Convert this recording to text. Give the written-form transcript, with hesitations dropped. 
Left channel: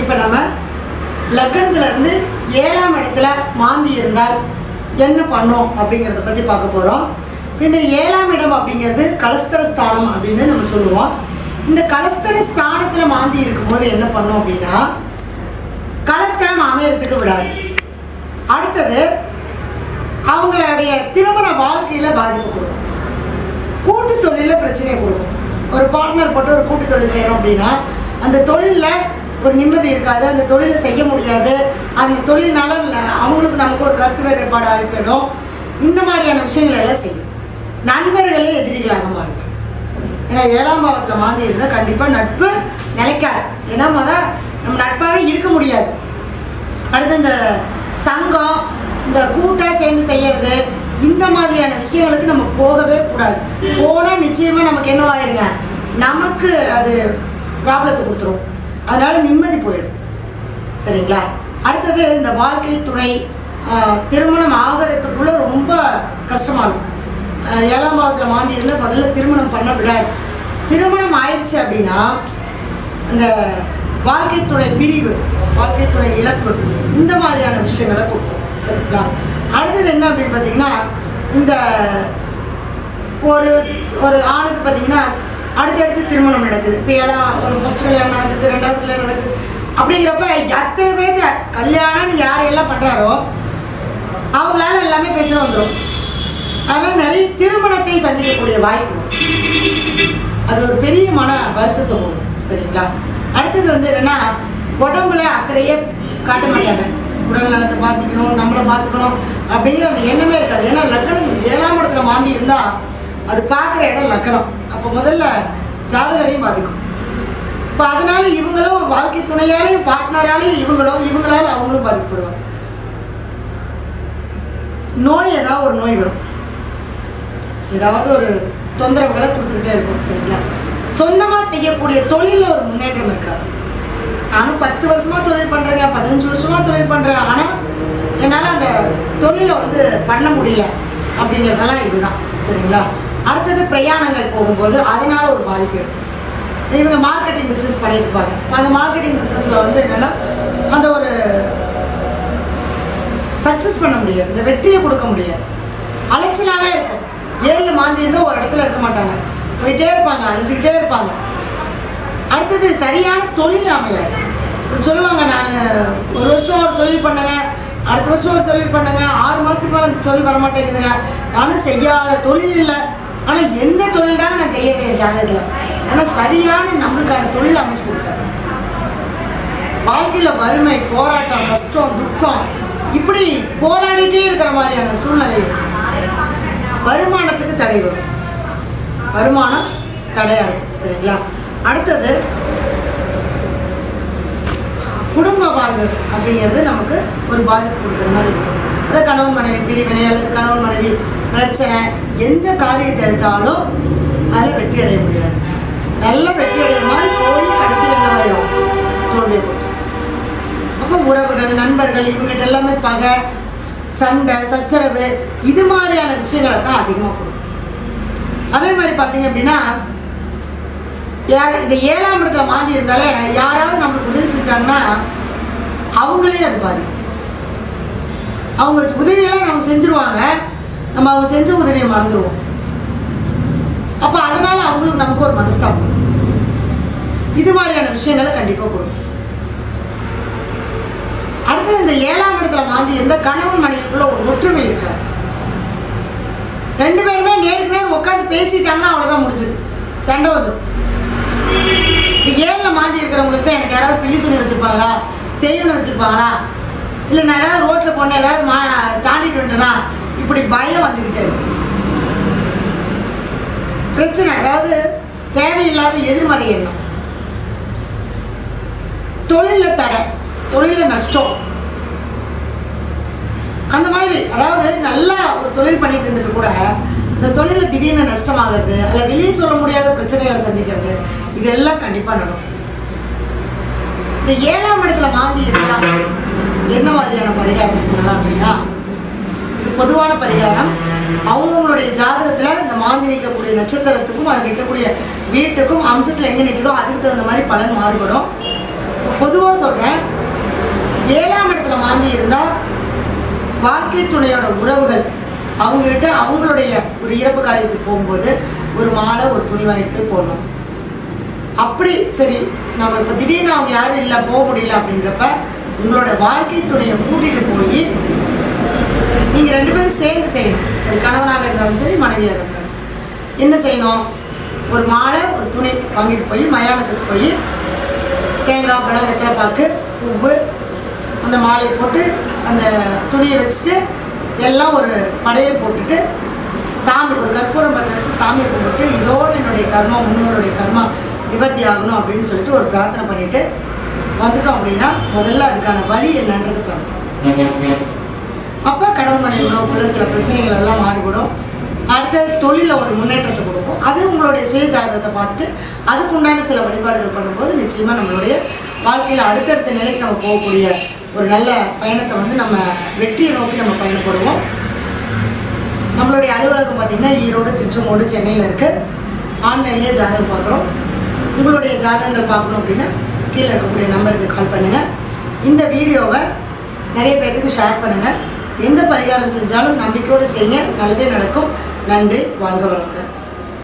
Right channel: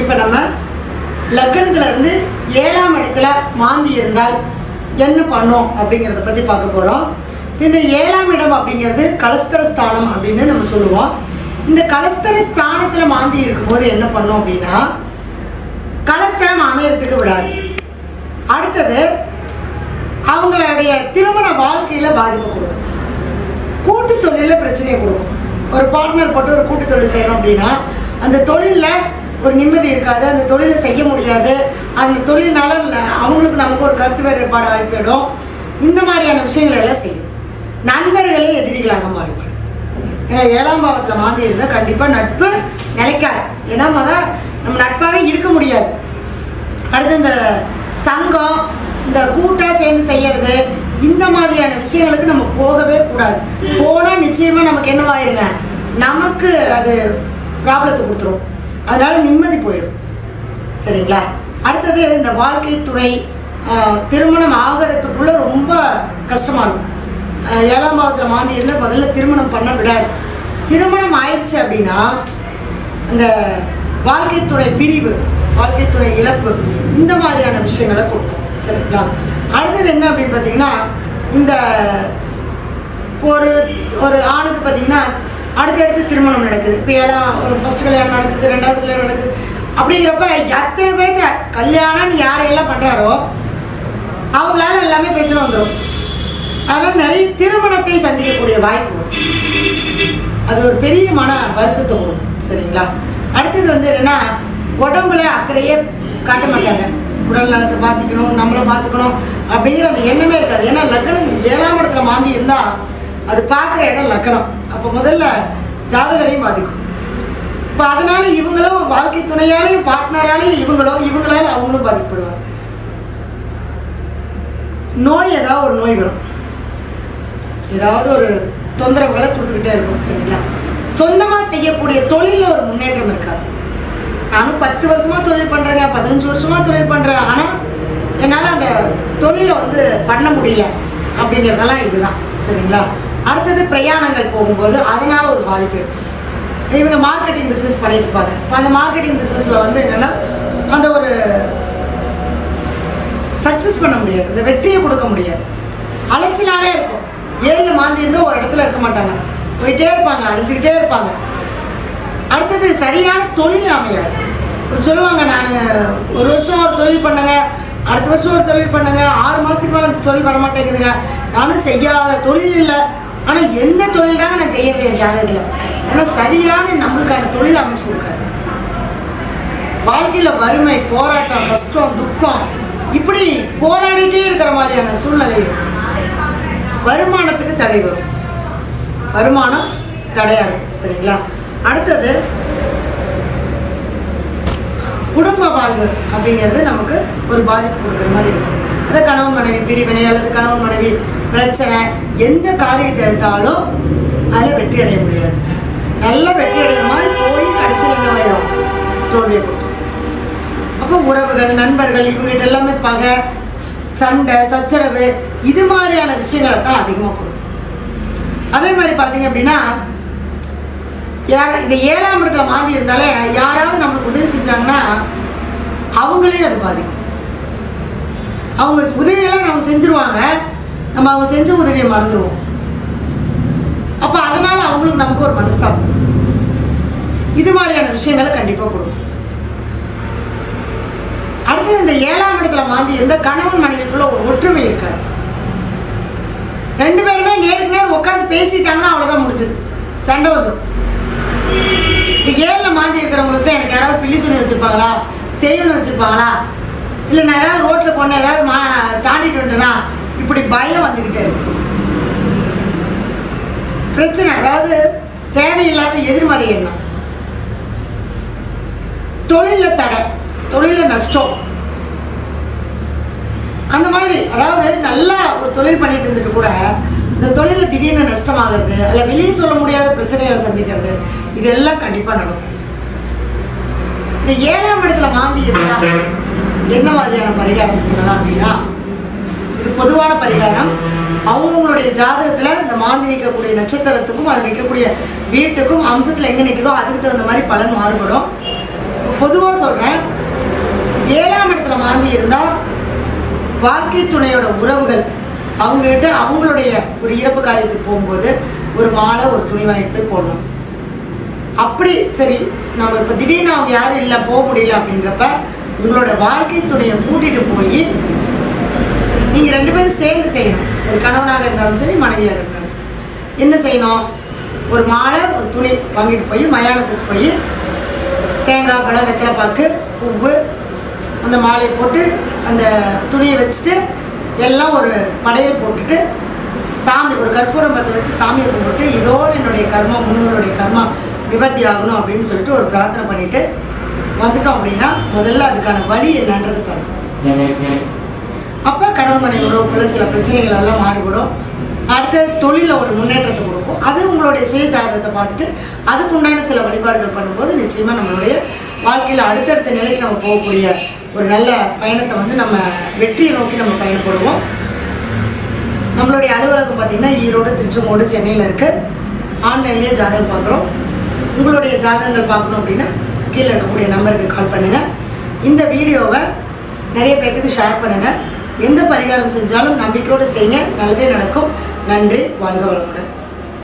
இப்போ நம்ம லக்னத்துல இருந்து 7ஆம் இடத்துல மாந்தி இருந்தால் என்ன பண்ணும் அப்படிங்கிறத பற்றி பார்க்க போகிறோம். இந்த 7ஆம் இடம் அப்படிங்கிறது கலஸ்தர ஸ்தானம் அப்படின்னு நம்ம சொல்லுவோம். இந்த கலஸ்தர ஸ்தானத்தில் மாந்தி இருக்கும்போது என்ன பண்ணும் அப்படின்னா கலஸ்தரம் அமையறதுக்கு விடாது. அடுத்தது அவங்களுடைய திருமண வாழ்க்கையில் பாதிப்பு கொடுக்கும். கூட்டு தொழிலில் பிரச்சனையை கொடுக்கும். ஒரு பார்ட்னர் போட்டு ஒரு கூட்டு தொழில் செய்யணும் அப்படின்னா அந்த தொழிலில் ஒரு நிம்மதி இருக்காது, அந்த தொழிலை செய்ய முடியாது. அந்த தொழில்னால அவங்களுக்கு நமக்கு ஒரு கருத்து வேறுபாடு ஆகி போயிடும். இந்த மாதிரியான விஷயங்கள் எல்லாம் செய்யும். நண்பர்களே எதிரிகளாக மாறுவாங்க. ஏன்னா 7ஆம் பாவத்தில் மாந்தி இருந்தால் கண்டிப்பாக நட்பு நிலைக்காது. ஏன்னா நம்ம நட்பாகவே இருக்க முடியாது. அடுத்து இந்த சங்கம், இந்த கூட்டாக சேர்ந்து செய்யறது, இந்த மாதிரியான விஷயங்களுக்கு நம்ம போகவே கூடாது. போனால் நிச்சயமாக நமக்கு என்னவாயிருங்க, நமக்கு அது ப்ராப்ளத்தை கொடுத்துரும். அதனால நிம்மதி போயிடும். சரிங்களா? அடுத்தது இந்த வாழ்க்கை துணை திருமணம் ஆகிறதுக்குள்ள ரொம்ப கஷ்டமாக இருக்கும். 7ஆம் பாவத்தில் மாந்தி இருந்தால் முதல்ல திருமணம் பண்ண விடாது. திருமணம் ஆயிடுச்சு அப்படின்னா இந்த வாழ்க்கை துணை பிரிவு, வாழ்க்கை துணை இழப்பு, இந்த மாதிரியான விஷயங்களை கொடுக்கும். சரிங்களா? அடுத்தது என்ன அப்படின்னு பார்த்தீங்கன்னா இந்த ஒரு ஆணுக்கு பார்த்தீங்கன்னா அடுத்தடுத்து திருமணம் நடக்குது. இப்போ ஏன்னா ஒரு ஃபர்ஸ்ட் கல்யாணம் நடக்குது, 2வது கல்யாணம் நடக்குது. அப்படிங்கிறப்ப எத்தனை பேருக்கு கல்யாணம்னு யாரையெல்லாம் பண்ணுறாரோ அவங்களால எல்லாமே பிரச்சனை வந்துடும். அதனால் நிறைய திருமணத்தை சந்திக்கக்கூடிய வாய்ப்பு, அது ஒரு பெரிய மன வருத்தத்தை கொடுக்கும். சரிங்களா? அடுத்தது என்னன்னா உடம்புல அக்கறையே காட்ட மாட்டாங்க. உடல் நலத்தை பார்த்துக்கணும், நம்மளை பார்த்துக்கணும் அப்படிங்கிற அந்த எண்ணமே இருக்காது. ஏன்னா லக்னம் 7ஆம் இடத்துல மாந்தி இருந்தால் அது பார்க்குற இடம் லக்னம். அப்போ முதல்ல ஜாதகரையும் பாதிக்கும். இப்போ அதனால இவங்களும் வாழ்க்கை துணையாலையும் பார்ட்னராலையும் இவங்களால அவங்களும் பாதிக்கப்படுவாங்க. நோய், ஏதாவது ஒரு நோய் வரும், ஏதாவது ஒரு தொந்தரவுகளை கொடுத்துக்கிட்டே இருக்கும். சரிங்களா? சொந்தமாக செய்யக்கூடிய தொழிலில் ஒரு முன்னேற்றம் இருக்காது. நானும் 10 வருஷமா தொழில் பண்ணுறேங்க, 15 வருஷமா தொழில் பண்ணுறேன், ஆனால் என்னால் அந்த தொழிலை பண்ண முடியல அப்படிங்கிறதெல்லாம் இதுதான். சரிங்களா? அடுத்தது பிரயாணங்கள் போகும்போது அதனால ஒரு பாதிப்பு இருக்கும். இவங்க மார்க்கெட்டிங் பிஸ்னஸ் பண்ணிட்டு இருப்பாங்க. இப்போ அந்த மார்க்கெட்டிங் பிஸ்னஸில் என்னென்னா அந்த ஒரு சக்ஸஸ் பண்ண முடியாது, இந்த வெற்றியை கொடுக்க முடியாது, அலைச்சலாகவே இருக்கும். 7ல் மாந்தி இருந்தால் ஒரு இடத்துல இருக்க மாட்டாங்க, போயிட்டே இருப்பாங்க, அழைச்சிக்கிட்டே இருப்பாங்க. அடுத்தது சரியான தொழில் அமையாது. சொல்லுவாங்க, நான் ஒரு வருஷம் ஒரு தொழில் பண்ணுங்க, அடுத்த வருஷம் ஒரு தொழில் பண்ணுங்க, 6 மாதத்துக்கு மேலே அந்த தொழில் வரமாட்டேங்குதுங்க. நானும் செய்யாத தொழில் இல்லை, ஆனால் எந்த தொழில் தாங்க நான் செய்ய முடியாது ஜாதகத்தில். ஆனால் சரியான நம்மளுக்கான தொழில் அமைச்சு கொடுக்காரு. வாழ்க்கையில் வறுமை, போராட்டம், கஷ்டம், துக்கம், இப்படி போராடிட்டே இருக்கிற மாதிரியான சூழ்நிலை. வருமானத்துக்கு தடை வரும், வருமானம் தடையாக இருக்கும். சரிங்களா? அடுத்தது குடும்ப வாழ்வு அப்படிங்கிறது நமக்கு ஒரு பாதிப்பு கொடுக்குற மாதிரி இருக்கும். அது கணவன் மனைவி பிரிவினை அல்லது கணவன் மனைவி பிரச்சனை, எந்த காரியத்தை எடுத்தாலும் அதில் வெற்றி அடைய முடியாது. நல்ல வெற்றி அடைகிற மாதிரி போய் கடைசியில் என்ன ஆயிரும், தோல்வியை கொடுக்கும். அப்போ உறவுகள், நண்பர்கள், இவங்ககிட்ட எல்லாமே பகை, சண்டை, சச்சரவு, இது மாதிரியான விஷயங்களை தான் அதிகமாக கொடுக்கும். அதே மாதிரி பார்த்தீங்க அப்படின்னா இந்த 7ஆம் இடத்துல மாந்தி இருந்தாலே யாராவது நம்மளுக்கு உதவி செஞ்சாங்கன்னா அவங்களே அது பாதிக்கும். அவங்க உதவியெல்லாம் நம்ம செஞ்சுருவாங்க, நம்ம அவங்க செஞ்ச உதவியை மறந்துடுவோம். அப்போ அதனால அவங்களுக்கு நமக்கு ஒரு மனஸ்தாபம், இது மாதிரியான விஷயங்களை கண்டிப்பாக கொடுக்கும். அடுத்தது இந்த 7ஆம் இடத்துல மாந்தி எந்த கணவன் மனைவிக்குள்ள ஒரு ஒற்றுமை இருக்காது. 2 பேருமே நேருக்கு நேரம் உட்காந்து பேசிட்டாங்கன்னா அவ்வளோதான் முடிஞ்சது, சண்டை வந்துடும். இந்த 7ல் மாந்தி இருக்கிறவங்களுக்கு தான் எனக்கு யாராவது பிள்ளி சொல்லி வச்சுருப்பாங்களா, செய்யணும்னு வச்சுருப்பாங்களா, இல்லை நான் ஏதாவது ரோட்டில் போன ஏதாவது தாண்டிட்டு வந்துட்டேன்னா இப்படி பயம் வந்துக்கிட்டே இருக்கும். பிரச்சனை, அதாவது தேவையில்லாத எதிர்மறை எண்ணம், தொழிலில் தடை, தொழிலில் நஷ்டம், அந்த மாதிரி. அதாவது நல்லா ஒரு தொழில் பண்ணிட்டு இருந்துட்டு கூட இந்த தொழிலில் திடீர்னு நஷ்டமாகிறது, அல்ல வெளியே சொல்ல முடியாத பிரச்சனைகளை சந்திக்கிறது, இதெல்லாம் கண்டிப்பாக நடக்கும். இந்த 7ஆம் இடத்துல மாந்தி இருந்தால் என்ன மாதிரியான பரிகாரம் பண்ணலாம் அப்படின்னா, இது பொதுவான பரிகாரம். அவங்களுடைய ஜாதகத்தில் இந்த மாந்தி நிற்கக்கூடிய நட்சத்திரத்துக்கும் அது நிற்கக்கூடிய வீட்டுக்கும் அம்சத்தில் எங்கே நிற்குதோ அதுக்கு தகுந்த மாதிரி பலன் மாறுபடும். பொதுவாக சொல்கிறேன், 7ஆம் இடத்துல மாந்தி இருந்தால் வாழ்க்கை துணையோட உறவுகள் அவங்ககிட்ட அவங்களுடைய ஒரு இறப்பு காரியத்துக்கு போகும்போது ஒரு மாலை ஒரு துணி வாங்கிட்டு போய் போடணும். அப்படி சரி நம்ம இப்போ திடீர்னு அவங்க யாரும் இல்லை போக முடியல அப்படின்றப்ப உங்களோட வாழ்க்கை துணையை கூட்டிகிட்டு போய் நீங்கள் 2 பேரும் சேர்ந்து செய்யணும். அது கணவனாக இருந்தாலும் சரி மனைவியாக இருந்தாலும் சரி. என்ன செய்யணும்? ஒரு மாலை ஒரு துணி வாங்கிட்டு போய் மயானத்துக்கு போய் தேங்காய் பழம் வெத்தலை பாக்கு பூவு அந்த மாலையை போட்டு அந்த துணியை வச்சுட்டு எல்லாம் ஒரு படையல் போட்டுட்டு சாமி ஒரு கற்பூரம் பற்ற வச்சு சாமியை கும்பிட்டு இதோடு என்னுடைய கர்மா முன்னோருடைய கர்மா நிவர்த்தி ஆகணும் அப்படின்னு சொல்லிட்டு ஒரு பிரார்த்தனை பண்ணிட்டு வந்துட்டோம் அப்படின்னா முதல்ல அதுக்கான வழி என்னன்றது பார்க்கணும். அப்போ கணவன் மனைவி உறவுக்குள்ள சில பிரச்சனைகள் எல்லாம் மாறுபடும். அடுத்த தொழிலில் ஒரு முன்னேற்றத்தை கொடுக்கும். அது உங்களுடைய சுய ஜாதகத்தை பார்த்துட்டு அதுக்கு உண்டான சில வழிபாடுகள் பண்ணும்போது நிச்சயமாக நம்மளுடைய வாழ்க்கையில் அடுத்தடுத்த நிலைக்கு நம்ம போகக்கூடிய ஒரு நல்ல பயணத்தை வந்து நம்ம வெற்றியை நோக்கி நம்ம பயணப்படுவோம். நம்மளுடைய அலுவலகம் பார்த்திங்கன்னா ஈரோடு, திருச்செங்கோடு, சென்னையில் இருக்குது. ஆன்லைன்லேயே ஜாதகம் பார்க்குறோம். உங்களுடைய ஜாதகங்கள் பார்க்கணும் அப்படின்னா கீழே இருக்கக்கூடிய நம்பருக்கு கால் பண்ணுங்கள். இந்த வீடியோவை நிறைய பேருக்கு ஷேர் பண்ணுங்கள். எந்த பரிகாரம் செஞ்சாலும் நம்பிக்கையோடு செய்யுங்க, நல்லதே நடக்கும். நன்றி, வாழ்க வளமுடன்.